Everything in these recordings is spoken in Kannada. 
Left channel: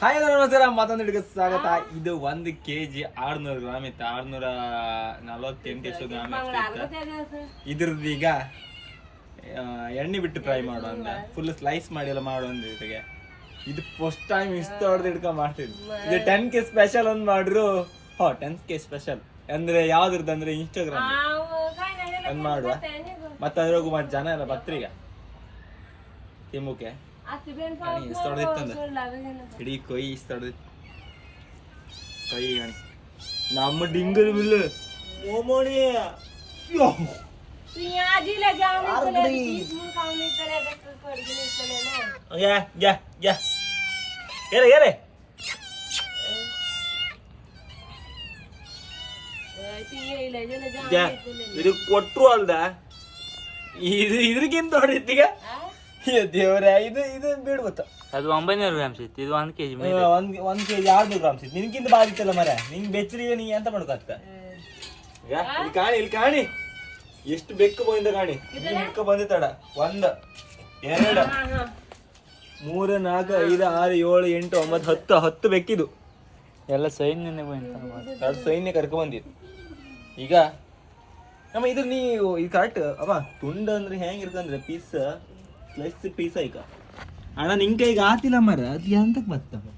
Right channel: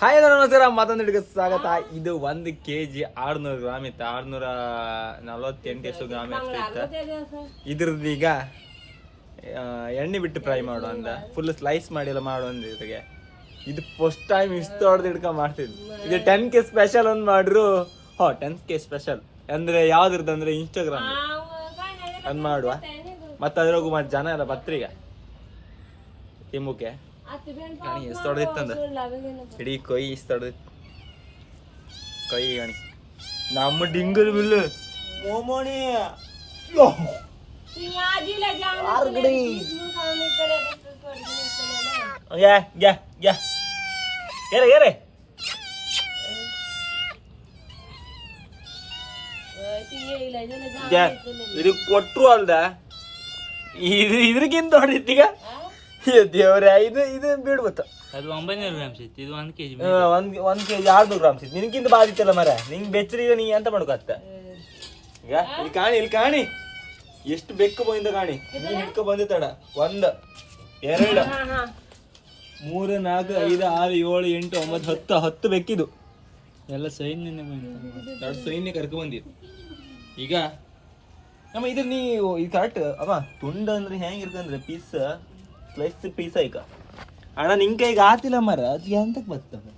ಹಾಯ್ ನಮಸ್ಕಾರ, ಮತ್ತೊಂದು ಹಿಡಿಗೆ ಸ್ವಾಗತ. ಇದು 1 kg 600 ಗ್ರಾಮ್ ಇತ್ತು, 648 ಎಷ್ಟು ಗ್ರಾಮ್ ಇತ್ತು. ಇದ್ರದ್ದು ಈಗ ಎಣ್ಣೆ ಬಿಟ್ಟು ಫ್ರೈ ಮಾಡು ಅಂತ, ಫುಲ್ ಸ್ಲೈಸ್ ಮಾಡಿ ಎಲ್ಲ ಮಾಡು ಅಂದ ಜೊತೆಗೆ. ಇದು ಫಸ್ಟ್ ಟೈಮ್ ಇಷ್ಟು ಹೊಡೆದು ಹಿಡ್ಕೊಂಡು ಮಾಡ್ತಿದ್ವಿ. ಇದು 10K ಸ್ಪೆಷಲ್ ಒಂದು ಮಾಡ್ರು. 10K ಸ್ಪೆಷಲ್ ಅಂದ್ರೆ ಯಾವ್ದ್ರದ್ದು ಅಂದ್ರೆ ಇನ್ಸ್ಟಾಗ್ರಾಮ್ ಅಂದ್ ಮಾಡುವ. ಮತ್ತೆ ಅದ್ರಾಗು ಮತ್ತೆ ಜನ ಎಲ್ಲ ಪತ್ರಿಕೆ ತಿಮ್ಮುಕೆ ಇಷ್ಟೊಡ್ದಿತ್ತಂದ ಇಡೀ ಕೊಯ್ ಇಷ್ಟೊಡ್ದಿತ್ತು ಕೈ ಗಣಿ ನಮ್ಮ ಡಿಂಗಲ್ ಬಿಲ್ಲು ಮೋಮೋಣಿ ಇದು ಕೊಟ್ರು ಅಲ್ದ ಇದ್ರಕ್ಕಿಂತ ಹೊಡಿತ್ತೀಗ ದೇವ್ರೆ. ಇದು ಬೀಡ್ ಗೊತ್ತ, ಅದು 900 ಗ್ರಾಮ್ಸ್ ಇತ್ತು, ಇದು 1 kg 1 kg 600 ಗ್ರಾಮ್ಸ್ ಇತ್ತು. ನಿನ್ಕಿಂತ ಬಾದಿತ್ತಲ್ಲ ಮರ, ನಿಂಗೆ ಬೆಚ್ಚರಿಗೆ ನೀ ಎಂತ ಮಾಡ್ಕೊತ್ತ. ಈಗ ಇಲ್ಲಿ ಕಾಣಿ ಎಷ್ಟು ಬೆಕ್ಕು ಬಂದ ಕಾಣಿ. ನೀನ್ ಹಿಡ್ಕೊ ಬಂದಿತ್ತಡ 1 2 3 4 5 6 7 8 9 10 ಬೆಕ್ಕಿದು ಎಲ್ಲ ಸೈನ್ಯನೇ ಬಂತ. ಸೈನ್ಯ ಕರ್ಕೊ ಬಂದಿತ್ತು. ಈಗ ನಮ್ಮ ಇದ್ರ ನೀವು ಇದು ಕರೆಕ್ಟ್ ಅವ ತುಂಡು ಅಂದ್ರೆ ಹೆಂಗಿರ್ತಂದ್ರೆ ಪೀಸ್ ಸ್ಲೈಸ್ ಪೀಸ್ ಈಗ ಅಣ್ಣ ನಿನ್ ಕೈಗೆ ಆತಿಲ್ಲ ಮರ, ಅದು ಎಂತಕ್ಕೆ ಬರ್ತವೆ.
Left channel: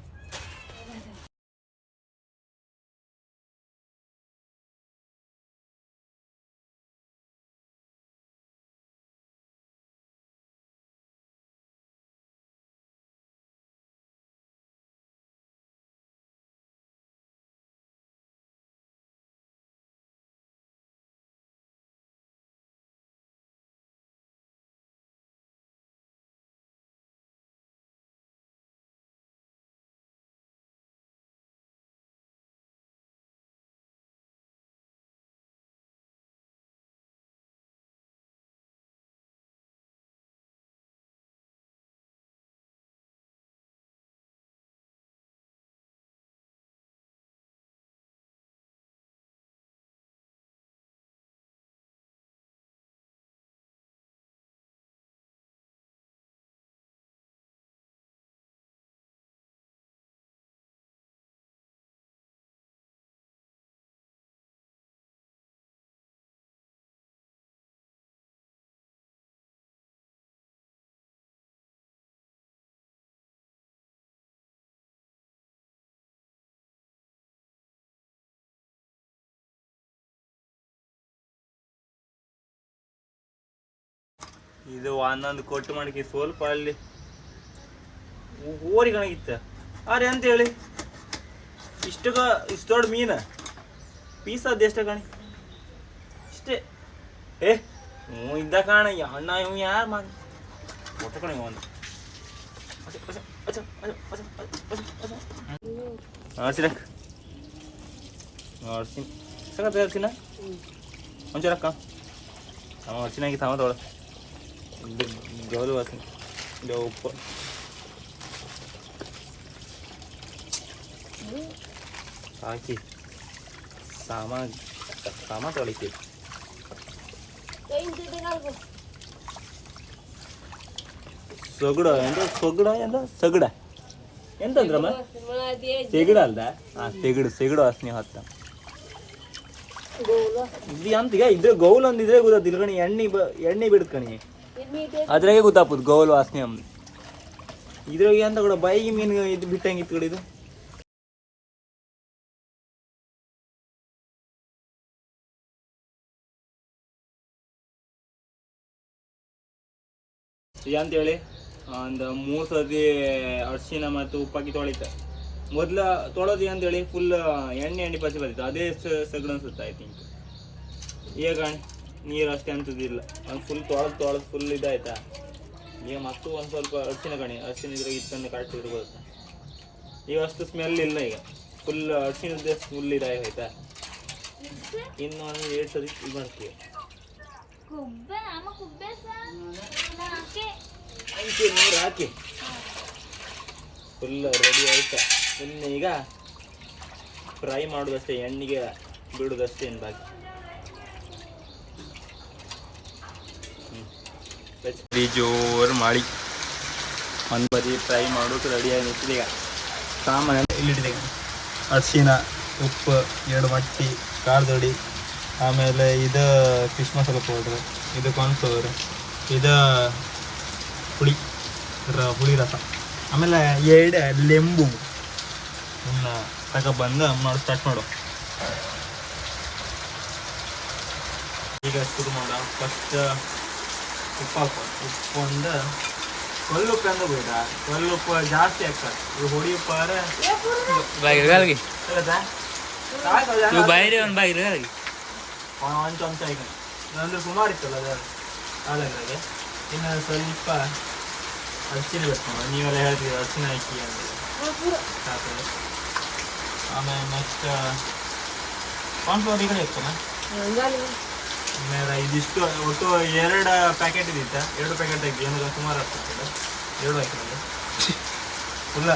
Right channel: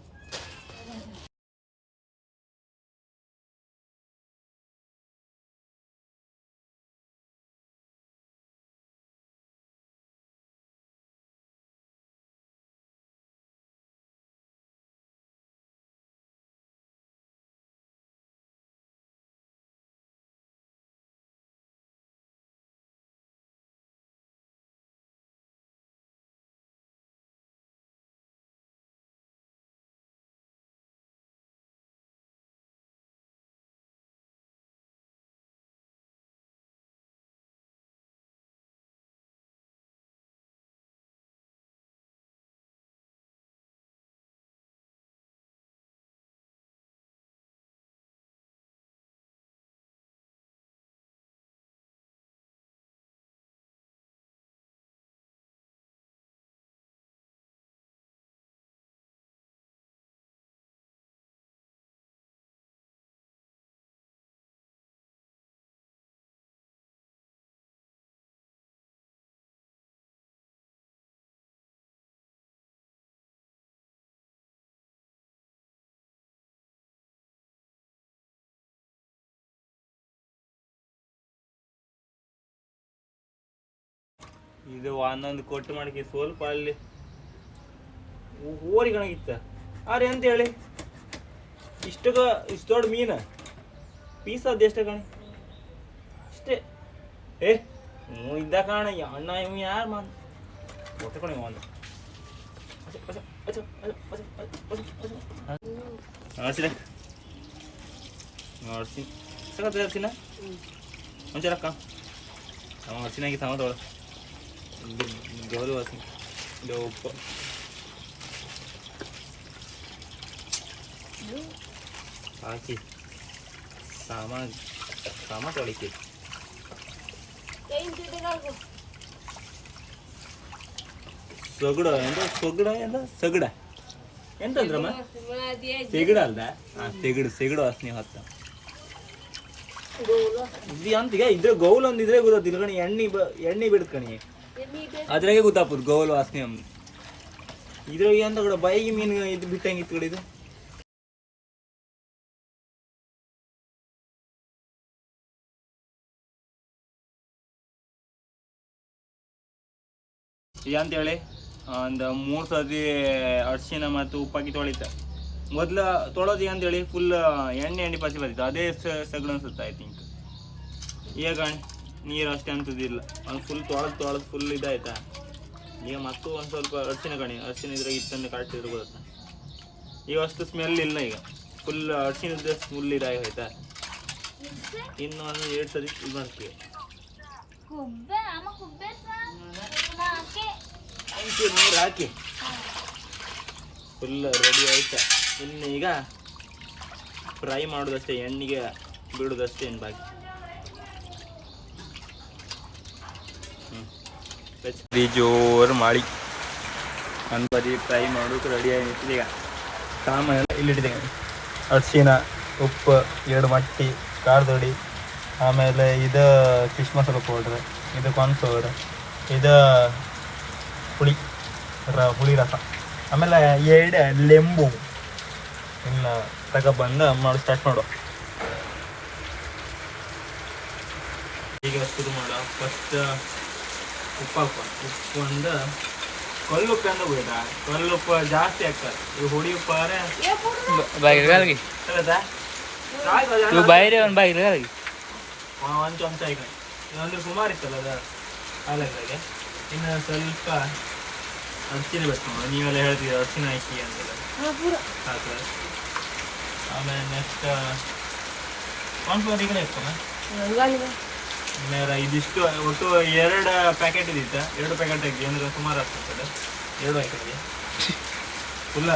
ಇದು ಒಂದೊಂದು ಕೊಟ್ಟು ಮಾಡಕ್ಕೆ ಸ್ವಲ್ಪ ಅಲ್ಲಿ ಓರಿ ಕಣಗಿತ್ತ. ಅರೆ ಅಂತ ಹೇಳಿ ಇಷ್ಟೊಡ್ ಮೀನ ಪೀಸ್ ಅದ ಎಷ್ಟ ಕಣಿ ಇಷ್ಟೇ. ಇದ್ದ ಕಾಣ ಅಣ್ಣ ಇವ್ ಯಾರು ಮಾಡ ಒಟ್ಟ ಕಣಿ ಒಂದು ಅರ್ಸಿನ ಒಂಚೂರಕ್ಕ ಅರ್ಸಿನಾಗಿ ತಮ್ಮ ತೊಳ ಗೌರವ ವಾಸನೆ ಇದು ಉಪ್ಪು ಹಾಕಿ ಸಾಮ ತೊಳಿತೀವಿ. ಸಗಡ ಎಂತಂದ್ರಮ್ಮ ಸೆಗಡ ಅಲ್ದ? ಸೆಗಡು ವಾಸನೆ ಹೊತ್ತ ಇದು ಅಂತೀಗ ಇದ್ರೆ ಗೌಲ್ ಅಂದಿದ್ರೆ ಗೊತ್ತಿಲ್ಲ ಕಣಿ. ಎಣ್ಣೆ ಬಿಡ್ಕಣಿ ಅದ್ರಾಗೆ ಗೊತ್ತಾಗ್ಬೋದು ಗೌಲ್ ವಾಸನೆ ಅಮ್ಮ. ಇದ್ರಾಗ ಎಂತ ಕೂಡ ಬೈಗಿ ಮೀನು ಇದು ಬಿಟ್ಟಂಗೆ ಇತ್ತು ಕಡೆ. ಇದು ಈಗ ಅಂತೇಳಿ ಒಂದು 3 ಸರ್ತಿ ಅರಿಶಿನ ಮತ್ತು ಉಪ್ಪಾಕಿ ತೊಳಿತ. ಮೊದ್ಲು ತೊಳೋದಿಗೆ ಅಂತೇಳಿ ಫುಲ್ ಎಣ್ಣೆ ಪಸಿ ಬರ್ತಿತ್ತು, ಅದೇ ಸಗಣ ಅನ್ಸುತ್ತೆ ಐ ಥಿಂಕ್. ಈಗ ನೀರು ಅಷ್ಟೇ ಅಂತದಿಲ್ಲ, ಒಂದು ಫುಲ್ ತೊಳೆದು ಫುಲ್ ಇದಾಯ್ತಾ. ಈಗ ಮತ್ತು ಒಂದು ಸ್ವಲ್ಪ ಅರಿಶಿನ ಇದ್ರೆ ಇತ್ತನ್ನು ಕಾಟಿದ್ರು ಗೊತ್ತಾ. ಈಗ ಅಷ್ಟು ಸ್ಮೆಲ್ ಇಲ್ಲ, ಈಗ ಫುಲ್ ಅರಿಶಿನದ ಫುಲ್ ಇದಾಗಿ ಹೋಯ್ತಾ. ಇನ್ನು ಒಂದು 2 ಸರಿ ಇದು ಮಾಡ್ತೀವಿ. ನೀರು ಹಾಕಿ ಫುಲ್ ರೆಡಿ ಆಯ್ತಾ. ಇನ್ನು ಈಗ ಫ್ರೈ ಮಾಡೋದಷ್ಟೇ, ಎಣ್ಣೆಗೆ ಬಿಡೋದಷ್ಟೇ ಏನು ಬಾಕಿ. ಜೋರು ಮಾಡಿ ಒಂದು ಬದಿ ಫ್ರೈ ಮಾಡೋಕೆ ರೆಡಿ ಆಗಿತ್ತು. ಈಗ ಸಾಮಾನೆಲ್ಲ ಇಲ್ಲಿಟ್ಟಿದೆ. ಅರಿಶಿನ, ಉಪ್ಪು, 2 ಮಟ್ಟಿ ಖಾರದ ಹುಡಿ, ಆಮೇಲೆ ಇದು ಫಿಶ್ ಮಸಾಲ ಪೌಡ್ರ್, ಇದು ಕಾರ್ನ್ಫ್ಲವರ್, ಇದು ಹುಳಿ ರಸ, ಆಮೇಲೆ 2 ಲೆಂಬು ಇನ್ನು ತಗೊಬಂದು ಮಾಡಿ ಸ್ಟಾರ್ಟ್ ಮಾಡು. ಈಗ ಶುರು ಮಾಡ. ಫಸ್ಟ್ ಉಪ್ಪು ಹಾಕೊಂಡು, ಉಪ್ಪು ಒಂದು ಕಲ್ಲುಪ್ಪು ಅಂದ ಬಿಡ, ಕಲ್ಲುಪ್ಪು ಜಾಸ್ತಿ ಆಗ್ತದೆ. ಇದು ಹುಡಿ ಉಪ್ಪು ಆದ್ರೆ ಒಂದು ಚಮಚ ಈಗ ಅಂದ್ರೆ ಸುಮಾರು ಇತ್ತಲ್ಲ ಅದು ಹಾಲಾಗೆ. ಇನ್ನು ಸ್ವಲ್ಪ ಅರಿಶಿನ ಬೇಕು, ನೀವೆಲ್ಲ ಹೇಳ್ತೀವಿ ಅರಿಶಿನ ಹಾಕಿ ಅಂತೆಲ್ಲ ಸಾಕು. ಆಮೇಲೆ ನೆಕ್ಸ್ಟ್ ಕಾರ್ನ್ಫ್ಲವರ್ ಈಗ ಇರ್ತಲ್ಲ. ಆಮೇಲೆ ಇದಿಷ್ಟು ಒಟ್ಟು 2 ಪ್ಯಾಕೆಟ್ ಇದ್ದಿತ್ತ, 2 ಪ್ಯಾಕೆಟ್ ಹಾಕಿ ಏನಕ್ಕೆ ಸುಮಾರು ಆಗ್ತದೆ. 2 ಹಾಕಿದೆ ಫುಲ್ಲ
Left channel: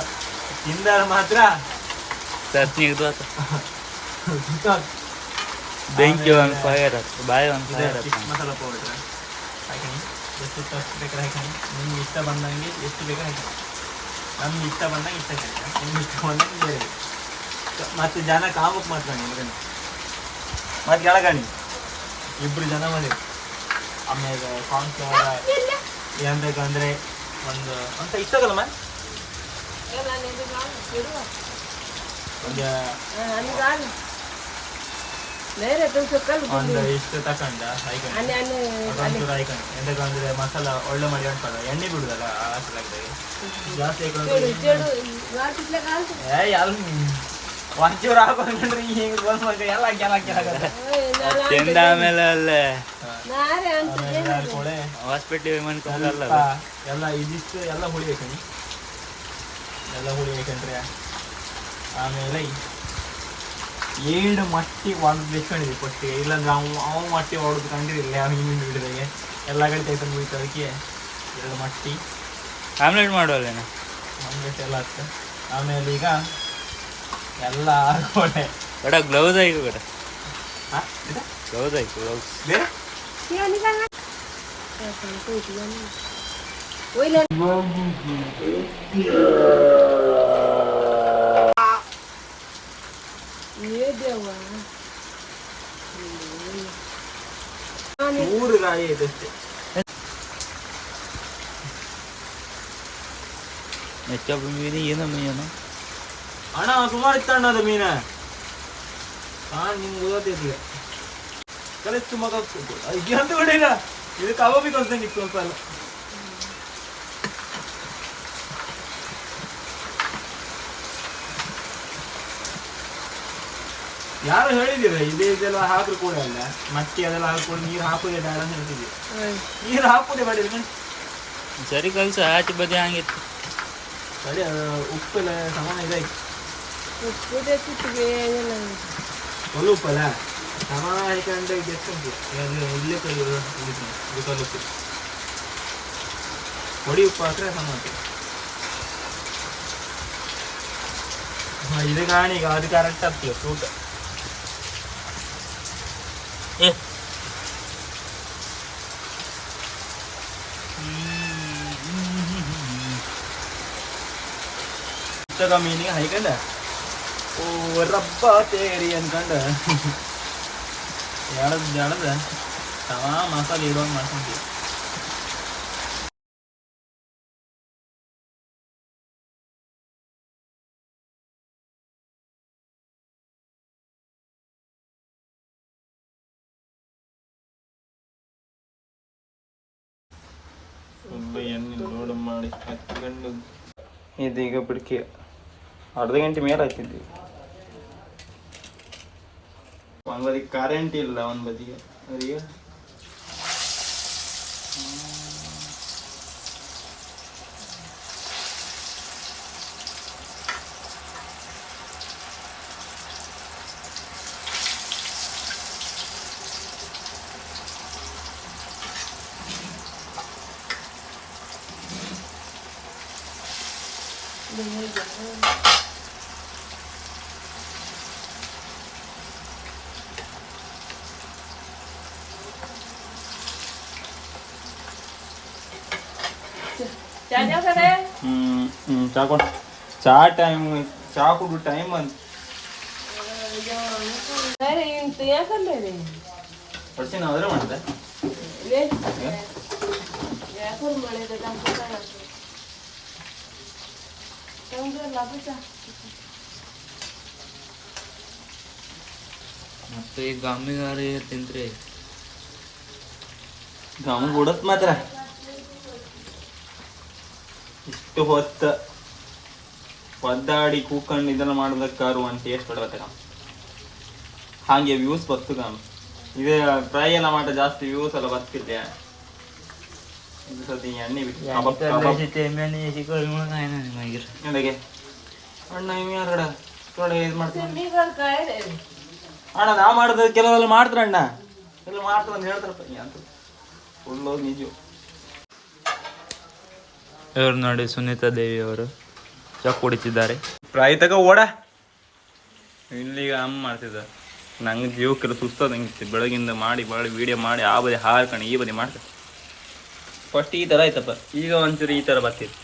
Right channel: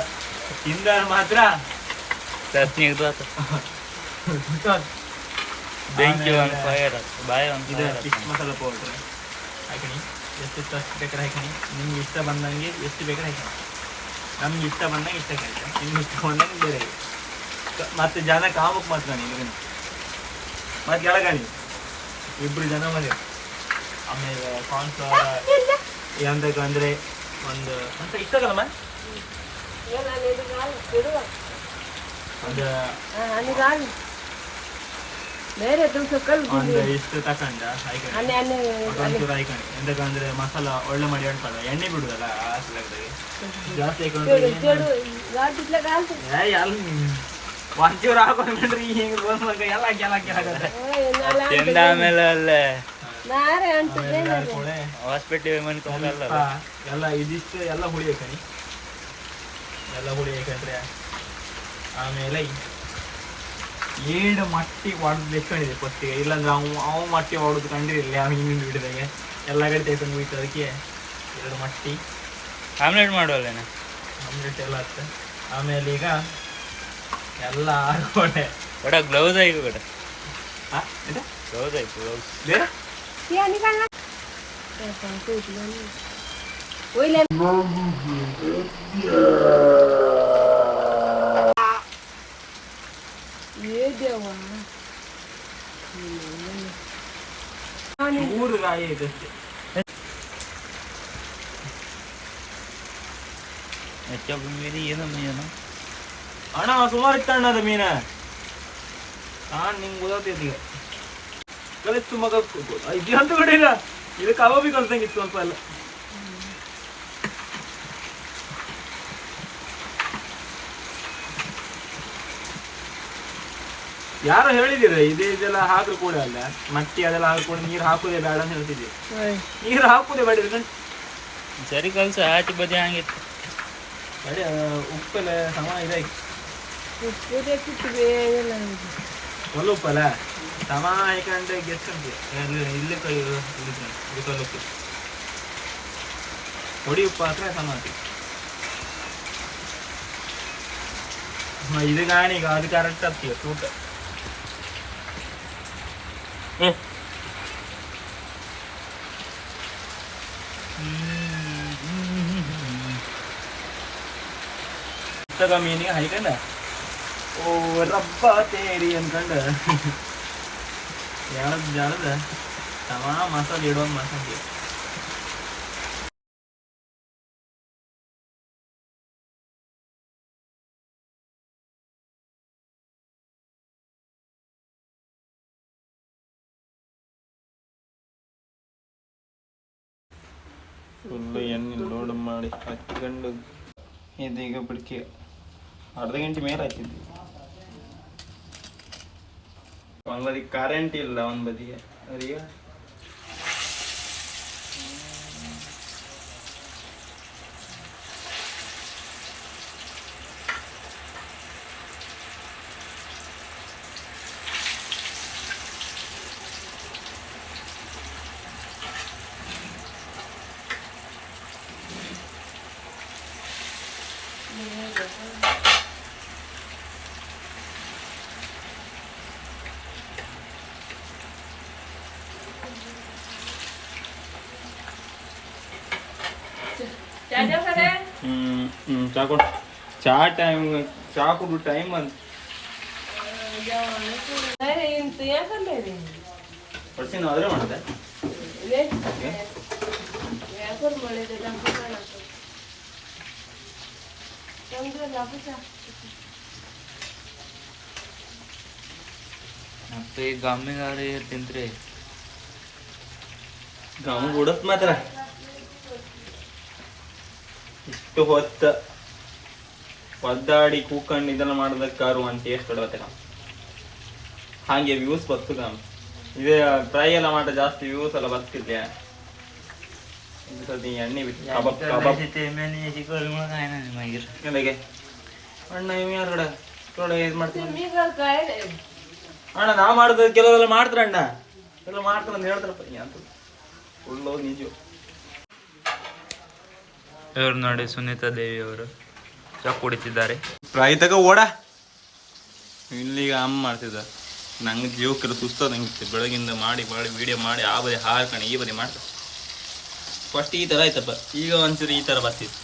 ತಿಂದ ಮಾತ್ರ ಚಟ್ನಿ ಬೆಂಕಿ ಒಂದು ಫೈರ್ ಆಗ್ತದೆ, ಬಾಯಿ ಒಂದು ಫಿಶ್ ಮಸಾಲ ಪೌಡ್ರ್ ಹಾಕಿನಿ. ಎಷ್ಟು ಅಷ್ಟು ಬೇಕಾದ್ರೆ ಹಾಕಿನಿ. ನಿಮ್ಗೆ ಇಷ್ಟ ಬಂದಂಗೆ ಎಷ್ಟು ಬೇಕಾದ್ರೆ ಹಾಕಿನಿ. ನಮ್ಗೆ ಇಷ್ಟ ಬಂದಂಗೆ ಇಷ್ಟ ಕೇಳ್ತೆ, ನಿಮ್ಗೆ ಇಷ್ಟ ಬಂದಂಗೆ ಬೇರೆ. ಮತ್ತು ಜನ ಕಾಮಕ್ಕೆ ಮಾತ್ರಾಣಿ ಮಗನ ಮತ್ತು ಕೆಳಗಣಿ 2 ಜನ ಮಾಡಿ. ಆಮೇಲೆ ಕಾರ್ನ್ಫ್ಲವರ್ ಏನು ಬೇಕಂದರೆ ಒಂದು ಅಂತ ಇಷ್ಟದಲ್ಲಮ್ಮ ಒಂದು ಇಷ್ಟು ತಕೊಂಡ ಹಾಕೊಂಡು ಅದೊಂಚೂರು ಹಾಕೊಂಡು. ಎಂತಕ್ಕಂದ್ರೆ ಮಸಾಲ ಒಳ್ಳೆ ಮಾಡಿ ಅಂಟಲ್ಲ, ಎಣ್ಣೆ ಬಿಡುದಲ್ಲ ಹಾಕಲಾಗ್ದಾಗೆ ಜಾಸ್ತಿ ಒಂಚೂರು ಹಾಕೊಂಡ್ರೆ ಹಿಂಗೆ ಬಂದ್ಮಾಗ ಎಲ್ಲ ತಿಂದ ಆಮೇಲೆ ಅಲ್ಲೇ ಆಮೇಲೆ ಕೊಳೆ ಹಾಸ್ಪಿಟ್ಲಿಗೆ ಮನ್ಕೊಂಡಲ್ಲ ಎಲ್ಲ ಇದಿಷ್ಟು ಎಲ್ಲ ಹುಳಿ ಬೇಕಣಿ. ಎಲ್ಲ ಹುಳಿ ಬೇಕಂದ್ರೆ ಆಮೇಲೆ 7 ಮಟ್ಟಿ ಹೊಡೆದು ಬೆಚ್ಕೊಂಡಿದ್ವಿ ಫಸ್ಟಿಗೆ. ಇಲ್ಲಾಂದ್ರೆ ಅವ ಮಟ್ಟಿ ಹೊಡೆದು ಕಂಡಿರಲಿಲ್ಲ, ಅವ್ನು ಹಿಂಗೆ ಹಿಡಿದಾಗೆ ಎಲ್ಲ ಕಡೆ ತೆಗೆದು ಹೋಯ್ತು. ಅದಕ್ಕೆ 2 ಮಟ್ಟಿ ಆಮ್ಲೆಟ್ ಮಾಡುವಲ್ಲೇನ ಆಮ್ಲೆಟ್ ಎಲ್ಲ ಆಗ್ತದೆ. ಆಮೇಲೆ ಈಗ ಎಲ್ಲ ಹಾಕೊಂಡೆ. ಬೇಡ ಗ್ಲೌಸ್ ಆಯ್ತು, ಬೇಡ ಹಾಂ ಗ್ಲೌಸ್ ಆಯ್ತು, ಗ್ಲೌಸ್ ಬೇರೆ ಊರು ರಾಯಿ ಇದಷ್ಟೇ. ಎಷ್ಟೊಬ್ಬ ಮೀನು ಏನೋ ಮೀನು ಅಣ್ಣ ಸುಮಾರು ಇತ್ತು ಅಣ್ಣ ಅದು ಮೀನು. ನಿಮ್ಗೆ ಓದೋತಿದ್ದೀಗ ಕಲಿಸ್ತು ಮಗ ಇದು ಅಂತ ಕಡೆ ಇಲ್ಲ. ಇದು ಕಬಾಬಿ ಕಲ್ಸಂಗಿತ್ತು ಸ್ವಲ್ಪ ಅಲ್ಲ. ಯಾರು ಹೇಳಿದಿರ ಇದೆಲ್ಲ ಹಾಕ್ರು ಕೂಡ ಅಲ್ಲ, ಮಟ್ಟಿ ಅದೆಲ್ಲ ಹಾಕೊಂಡು ನೀರು ಹಾಕುದೇ ಬೇಡ ಅಂತ ಹೇಳ್ತಿದ್ವಿ. ನೀರು ಹಾಕುದೇ ಬೇಡ ಸರಿ ಕಲ್ಸ ಆಚೆ ಬದಿ ಹಂಗಿತ್ತು. ಸರಿ ಉಪ್ಪೆಲ್ಲ ಸಮಾನ ಇದಾಯ್ತು. ಒಳ್ಳೆ ಉಪ್ಪಲ್ಲ ಸಮಾನ ಹಾಕೊಂಡೆ ಗೆಚ್ಚಂತು ಇಲ್ಲೇ ಇದು ಕಲ್ಲುಪ್ಪು ಹೊಡಿ ಉಪ್ಪು ಹಾಕ್ರೆ ಸಮಾನ. ಇದು ಕಾಣಿ ಈಗ ಅದು ಕರೆಕ್ಟ್ ಆಗ್ತೀವಿ ತೂಕ. ಮೀನಿಗೆ ಹಾಕೊಂಡ ಓ ರಬ್ಬ ತೇರಿ ಅನ್ಕೊಂಡ ಎಳದ ಸಮ ಮಸಾಲೆ ಇಡೋಂಗೆ ಮಾಡ್ಕೊಂಡ್ವಿ. ಫುಲ್ಲು ಎಣ್ಣೆ ಲೋಡ್ ಮಾಡಿ ಹಚ್ಕೊಂಡು ಇದೀಗ ಬಿಡ್ಕಿ ಅರ್ಧ ಗಂಟೆ ಮೇಲೆ ಹಚ್ಚಿದ್ವಿ. ಒಂದು ಬದಿಗೆ ಕರೆಂಟ್ ಇಲ್ಲ, ಒಂದು ಬದಿಗೆ ಅದೀಗ ಚಾ ಕೊಡು. ಚಾ ಟೈಮ್, ಚಾ ಕುಡು ಟೈಮ್ ಅಂತ ಪಡ್ಸಿನ ಅದ್ರ ಮಾಡಿದೆ. ಮತ್ತೆ ಈ ಗಮ್ಮಿಗಾರಿ ತಿಂತ್ರಿ ಗಮ್ ಕೊಡತ್ ಮಾತ್ರ ಇಷ್ಟು ಹೊತ್ತ ಒದ್ದಾಡಿ ಕೂಕೊಂಡು ಇದನ್ನ ಮಾಡೋದಕ್ಕಾರು ಅಂತ ಟೇಸ್ಟ್ ಕೊಡ್ಬೇಕ. ಹಾಗೆ ವ್ಯೂಸ್ ಬರ್ತದ. ಇದು ಫ್ರೈ ಎಲ್ಲ ಮಾತ್ರ ಜಾಸ್ತಿ ವ್ಯೂಸ್ ಎಲ್ಲ ಬರ್ತಿದ್ದೆ. ಎಣ್ಣೆ ಬಿಟ್ಟು ಅಣ್ಣ ಇದು ಮಾಡ್ತೀನಿ ಅಣ್ಣ. ನಾ ಮಾಡುದು ಕೆಲವೆಲ್ಲ ಮಾಡ್ತಾರ ಅಣ್ಣ, ಎಲ್ಲ ಮಾಡ್ತಾರ ಅಂತ ಹೇಳ್ತಾರಪ್ಪ ಅಂತ ಫುಲ್ಲು ನಿಜ. ಇವ್ರು ನೋಡಿ ಸುನೀತಾ ದೇವಿ ಅವರು ಚಾ ಕುಡಿತಿದ್ದಾರೆ. ಫ್ರೈ ತಗ ಓಡ ಇಲ್ಲಿಗ ಅಮ್ಮ ಮಾಡ್ತಿದ್ದ. ನಂಗೆ ಜೀವಕ್ಕೆಲ್ಲ ಸುಸ್ತದ ನಂಗಿತ್ತು. ಬೆಳಗಿಂದ ಮಾಡಿ ವಿಡಿಯೋ ಮಾಡಿ ಆ ಬದಿ ಹಾರ್ಕೊಂಡು ಈ ಬದಿ ಮಾಡ್ತಾರೆ. ಫಸ್ಟ್ ಈ ಥರ ಆಯ್ತಪ್ಪ, ಈಗ ಒಂಚೂರು ಈ ಥರ ಬರ್ತಿತ್ತು.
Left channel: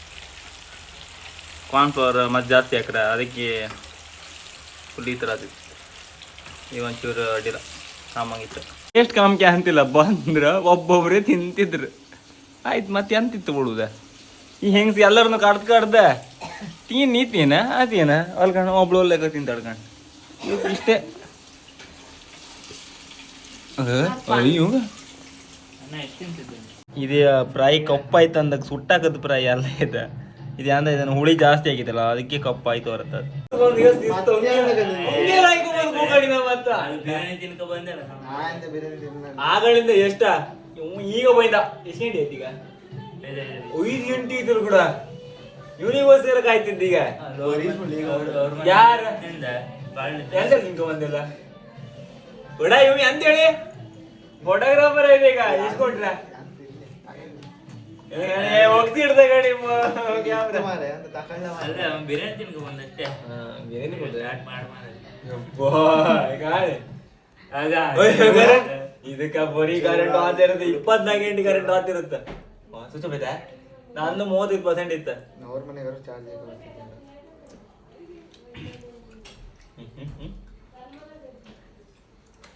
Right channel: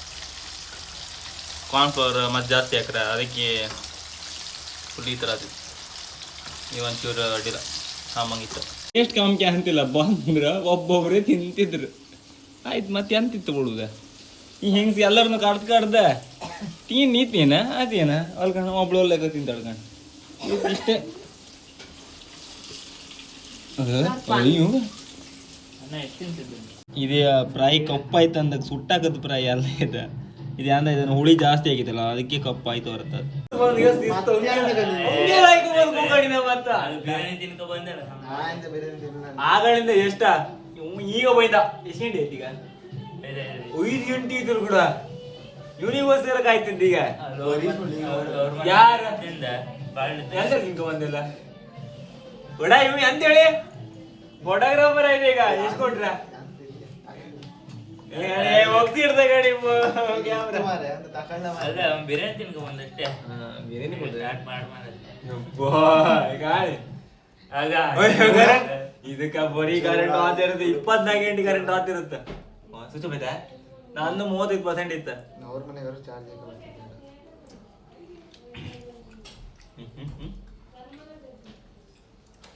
ಕಾರ್ನ್ಫ್ಲವರ್ ಮತ್ತೆ ಜಾಸ್ತಿ ಹಾಕ್ರೆ ಅದಕ್ಕೆ ಫುಲ್ ಈ ಥರ ಆಗ್ತಿತ್ತು. ಈಗ ಒಂಚೂರು ಅಡ್ಡಿಲ್ಲ, ಕಾಮಂಗಿತ್ತು. ಎಷ್ಟು ಕಮ್ಮಿ ಅಂತಿಲ್ಲ ಬಂದ್ರೆ ಒಬ್ಬೊಬ್ಬರೇ ತಿಂತಿದ್ರು. ಆಯ್ತು ಮತ್ತೆ ಎಂತಿತ್ತು ಬಿಡುದ. ಈ ಹೆಂಗ್ಸಿ ಎಲ್ಲರನ್ನು ಕಡ್ದೆ ನೀತೀನ ಅದೇನ ಅಲ್ಕಂಡು ಒಬ್ಳು ಒಳ್ಳೆಗ ತಿಂತಾಡ್ಕಂಡು ಇವ್ ಇಷ್ಟೇ. ಅಯ್ಯೋ ಇದೇ ಫ್ರೈ ಕಪ್ಪಾಯ್ತು ಅಂದಾಗ ಸುಟ್ಟಾಕದ ಫ್ರೈ ಎಲ್ಲ ಇದೆ. ಇದು ಅಂದ ಇದನ್ನು ಹುಳಿ ಜಾಸ್ತಿ ಆಗಿತ್ತಲ್ಲ ಅದಕ್ಕೆ ಕಪ್ಪಾಯ್ತು ಬರ್ತದೆ. ಆಗಳಿಂದ ಎಷ್ಟ ಈಗ ಬೈದ ಎಷ್ಟು ಗಂಟೆ ಐತಿ? ಈಗ 5 ಗಂಟೆ ಇದ್ರು ಕೂಡ ಇವನಿಗೋಸ್ಕರ ಕಾಯ್ತಿದ್ದ. ಈಗ ಯಾರ ನಿಂಕ ಬಂದಿಲ್ಲ ಬಡ ಇವ್ ಅಂತೇಳಿ ಫೋಟೋಗ್ರಾಫರ್ ಇದೆ. ಈಗ ಇಸ್ಕೊಟ್ರ ಹೋಗ್ತಿರ್ದ ಗಾಡಿ ಇದಕ್ಕ ಬರೀ ಕರೆಂಟ್ ಆತಿರುತ್ತೆ. 24 ಗಂಟೆ ಕರೆಂಟ್ ಆತಿರುತ್ತೆ. ಸ್ವಿಚ್ ಆಫ್ ಐತೆ. ನಂದು 30% ಇತ್ತು.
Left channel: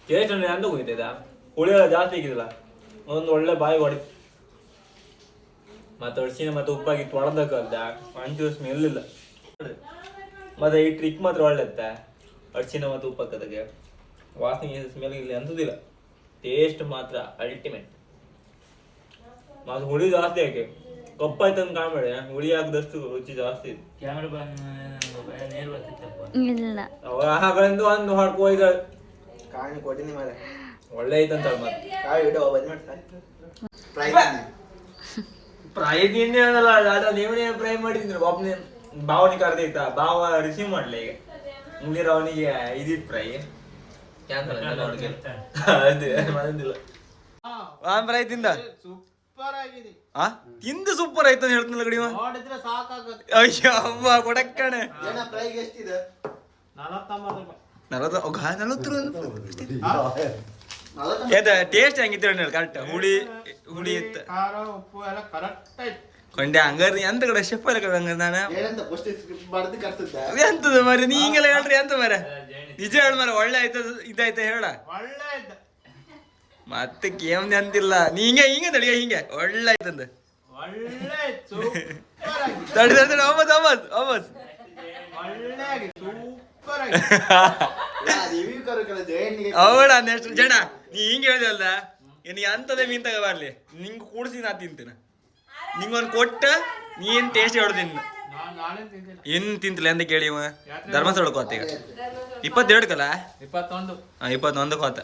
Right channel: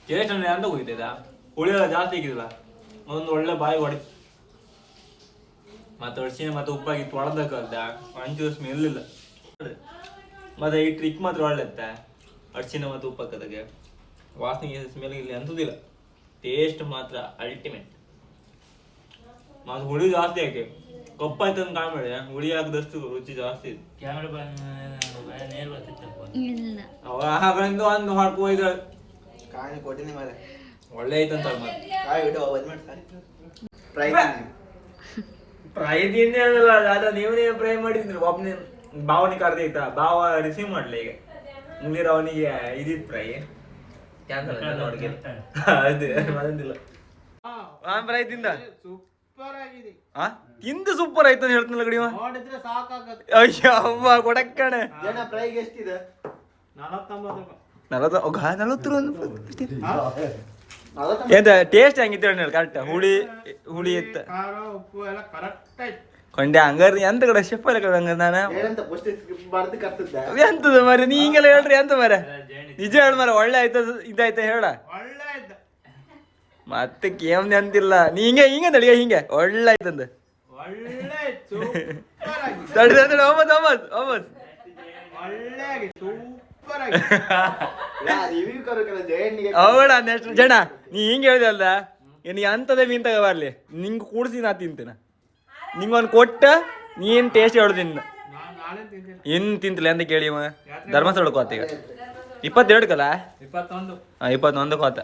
ಟೇಸ್ಟ್ ಅಂತ ಹೋಗಿದ್ದ. ಹುಳಿ ಎಲ್ಲ ಜಾಸ್ತಿ ಆಗಿದಿಲ್ಲ. ಒಂದು ಒಳ್ಳೆ ಬಾಯಿ ಹೊಡಿ ಮತ್ತೆ ಅಡ್ಸಿನ ಮತ್ತೆ ಉಪ್ಪಾಗಿತ್ತು ಒಳದಕ್ಕಲ್ದ ಒಂಚೂರು ಸ್ಮೆಲ್ ಇಲ್ಲ. ಮತ್ತೆ ಈ ಟ್ರಿಕ್ ಮಾತ್ರ ಒಳ್ಳೆ ಇತ್ತ. ಅಡ್ಸಿನ ಮತ್ತು ಉಪ್ಪಕ್ಕದಾಗೆ ವಾಸನೆ ಸ್ಮೆಲ್ ಇಲ್ಲಿ ಅನ್ಸುದಿಲ್ಲ. ಟೇಸ್ಟ್ ಮಾತ್ರ ಅಲ್ಟಿಮೇಟ್. ಮತ್ತೆ ಹುಳಿ ಜಾಸ್ತಿ ಹಾಕಿ ಕಪ್ಪಾಯ್ತು ಅಂತ ಕಾಣ್ಬೇಡಿ. ಹುಳಿ ಹಾಕಿದಷ್ಟು ರುಚಿ ಜಾಸ್ತಿ ಇದೆ. ಆಗಳಿಂದ ಒಂದು ಹಾಡ್ಕೋ ಈಗ ಒಳ್ಳೆ ಐತಂತ ಫ್ರೈ ತಿಂದೇನಲ್ಲ ನೀವನೇ ಫ್ರೈ ಮಾಡಿದ್ರು. ಒಬ್ಬನೇ ಭಾವನೆ ಕರ್ದೈತ. ಭಾವ ರಿಸೀವ್ ಮಾಡ್ಲ ಈಗ ಮುಂದಿರ ಅವನಿಗೆ ಇದಿತ್ತು ಫ್ರೈ ಕ್ಯಾನ್ಸಲ್ ಅದಿಲ್ಲ. ಫ್ರೈ ತಿಂದ ತಿಂದು ಸೂಪರ್ ಆಯ್ತು ಅಂತ ಹೇಳ್ತಾನಲ್ಲ ಕಡಿಮ. ಅಯ್ಯೋ ಅವ್ವ ಕೊಡಕ್ಕಣೆ 40 ಟೇಸ್ಟ್ ಹೆಂಗಿತ್ತು ಹೇಳಿ ಕರೆಕ್ಟ್. ಹುಳಿ ಇತ್ತು ಕೊಂಡೆ ಹಂಗಾರ ಎಂತ ಕಡೆ ಶೆಫ್ ಎಲ್ಲ ಕಡೆ ಹಂಗ ನಾನು ಎಂತದ ಮರ ನೀ ಹಿಂಗೆಲ್ಲ ಹೇಳ್ರಿ ಎಂತ ಮರ ನಿಜ ಹೇಳ ಮರ. ಒಳ್ಳೆ ಆಯ್ತ ಇದಾಯ್ತ ಹೇಳ ಮತ್ತೆ ಕೇಮ್ನೆ ಅಂತಿಲ್ಲ. ನೀ ಹಿಂಗೆ ತಡಿಯ ಹಿಂಗೆ ಒಳ್ಳೆ ಆಯ್ತಂದ ತಡಿ ತಡಿ ವಾಪಸ್ ಅವಡ ನೆಕ್ಸ್ಟ್ ಜನ ನೀ ಹಿಂಗೆ ಹೇಳಿದಲ್ದ ನೀ ಅಂತದೇ ಮೀನ್ ತಗೋಬರ್ಲಿ ನಿಂಗೆ ಕೂಡಿಸಿ ನಾ ತಿಂತೀನ. ನಿಂಗೊಂದು ಕೊಟ್ಟ ನೀನ್ ಟೇಸ್ಟ್ ಹೇಳ್ತೀನಿ. ಇನ್ ತಿಂತಿಲ್ಲ ಅಂತ ಕೇಳಿ ಧರ್ಮಸ್ಥಳಕ್ಕೆ ಹೋತ. ಈಗ 22 ಕಲ 21 ಹೋತ.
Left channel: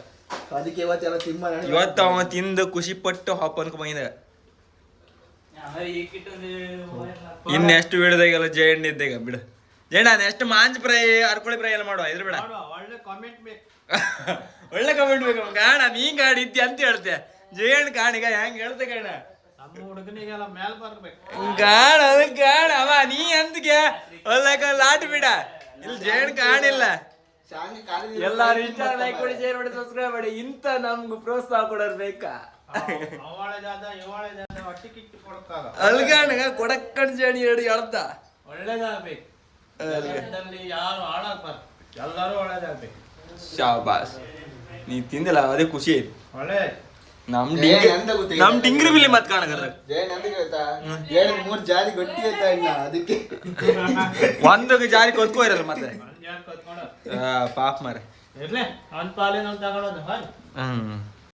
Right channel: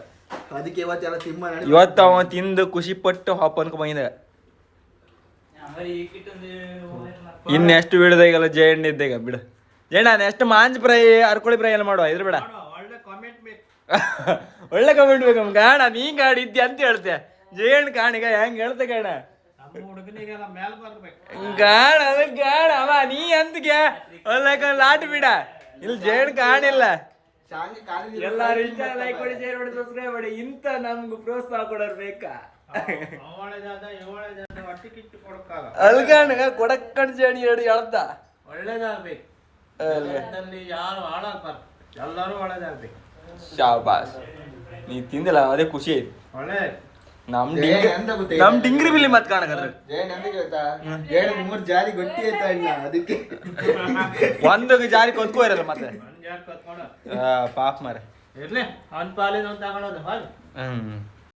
ಇವತ್ತು ಅವ ತಿಂದು ಖುಷಿ ಪಟ್ಟು ಹಾಪ್ ಅನ್ಕೊ ಬಂದ. ಇನ್ನೆಷ್ಟು ಬಿಡದಾಗೆಲ್ಲ ಜಯಣ್ಣ ಇದ್ದಾಗ ಬಿಡ ಜಯಣ್ಣ. ನೆಕ್ಸ್ಟ್ ಮಾಂಜ್ ಫ್ರೈ ಅರ್ಕೋಳಿ ಫ್ರೈ ಎಲ್ಲ ಮಾಡುವ. ಇದ್ರ ಬೇಡ ಒಳ್ಳೆ ಕಮೆಂಟ್ ಬೇಕು ಕಾಣ. ನೀ ಗಾಡಿ ಇದ್ದಿ ಅಂತ ಹೇಳ್ತೆ ಜಯಣ್ಣ ಕಾಣಿಗ ಹೆಂಗ್ ಹೇಳ್ತೆ ಕಾಣ ಗಾಣ ಅದ ಗಾಣ ಅವ ನೀ ಅಂತಗೆ ಒಳ್ಳೆ ಲಾಟ್ ಬಿಡ. ಇಲ್ಲಿ ಜಯಣ್ಣ ಕಾಣಿಲ್ಲ. ಎಲ್ಲಾರು ಇಷ್ಟ ಲೈಕ್ ಮಾಡಿ ಶೇರ್ ಮಾಡಿ ಸಬ್ಸ್ಕ್ರೈಬ್ ಮಾಡಿ. ಇಂತ ನಮ್ಗೆ ಪ್ರೋತ್ಸಾಹ ಕೊಡೋರು ಬೇಕಾ? ಅಲ್ಗಾಣ ಕೊಡಕ್ಕಣ್ ಜೇಣಿ ಹೇಳಿ ಹೇಳ್ದ ಒಳ್ಳೇದಾಗ್ಬೇಕು. ಜಗತ್ತಲ್ಲಿ ಯಾರು ಹಾಳಾಗ್ಬಾರ್ದು, ಎಲ್ಲರೂ ಒಳ್ಳೇದಾಗ್ಬೇಕು. ಶಾಬಾಸ್. ನೀ ತಿಂದಿಲ್ಲ ಅದೇ ಖುಷಿ ಆಯ್ತು. ಒಳ್ಳೆ ನಮ್ ಡಿಂಗ್ರಿ ಬಿಲ್ಲಿ ಮತ್ ಕಾಣಕರ್ರ ಮೂರ್ ಜಾರಿ ಗೊಟ್ಟಿ ಆಯ್ತಾ ಇಲ್ಲ ಅದಕ್ಕೆ ಒಂದೊಂದು ಜಾರಿ ಕೊತ್ಕೋ ಇರಲ್ಲ ಮತ್ತೆ ಕತ್ಕೊಂಡು ಪಾಪ ಮಾರೆ. ಇರ್ಲಿ ಅವ್ನ ಪಾಲೇನೋ ತಗೊಳೋದು ಹಾಲು. ಹ್ಮ್